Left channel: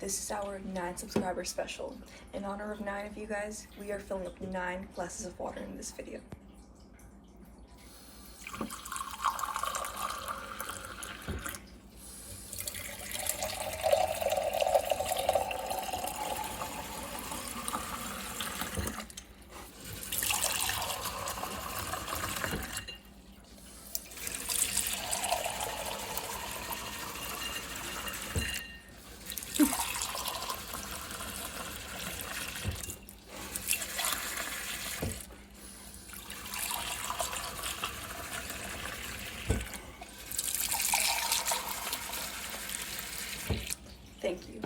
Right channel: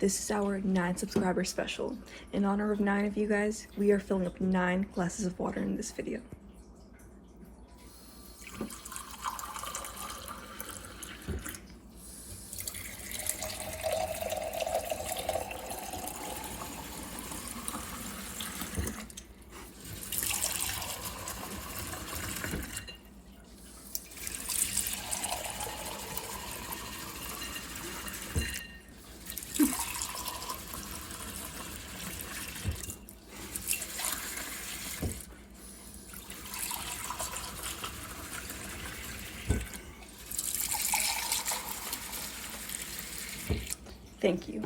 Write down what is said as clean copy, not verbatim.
This is our 9 subscriber special. In honor of 9 of you guys, we are filling up 9 glasses of water in this video. Thank you.